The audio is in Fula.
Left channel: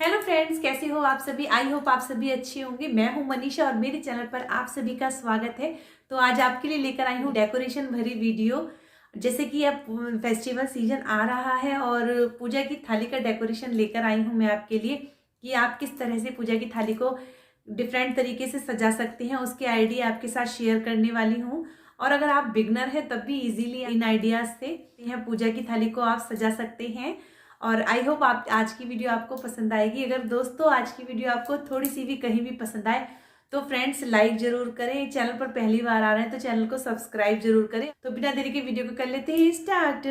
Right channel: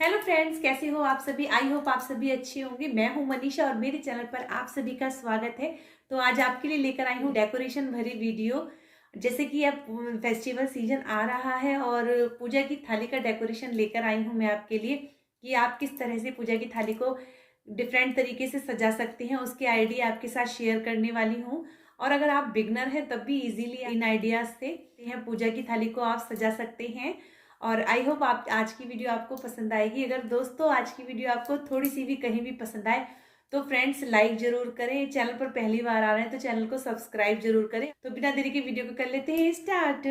Hello friends, कैसे हो आप सभी। आई होप आप सभी अच्छे होंगे। मैं हूं मनीषा और मेरे चैनल पर आप सभी का स्वागत है। तो आज आपके लिए लेकर आई हूं डेकोरेशन भरी वीडियो। जैसे कि अब फेस्टिवल सीजन आ रहा है और पूजा की थाली का डेकोरेशन लेकर आई हूं मैं आपके लिए कि आप किस तरह से पूजा की थाली को डिफरेंट तरीके से सजा सकते हैं, उसके आइडिया आपके साथ शेयर करने वाली हूँ। और अगर आप बिगनर हैं तब भी इजीली इन आइडियाज से पूजा की थाली को आप सजा सकते हैं। और आई होप आप आज की वीडियो आपको पसंद आएगी। अगर दोस्तों आज की वीडियो आपको थोड़ी सी भी कहीं भी पसंद आए तो फ्रेंड्स लाइक जरूर करें। चैनल पर पहली बार आ रहे हैं तो चैनल को सब्सक्राइब जरूर करें। तो बिना देरी के वीडियो को कर लेते हैं स्टार्ट।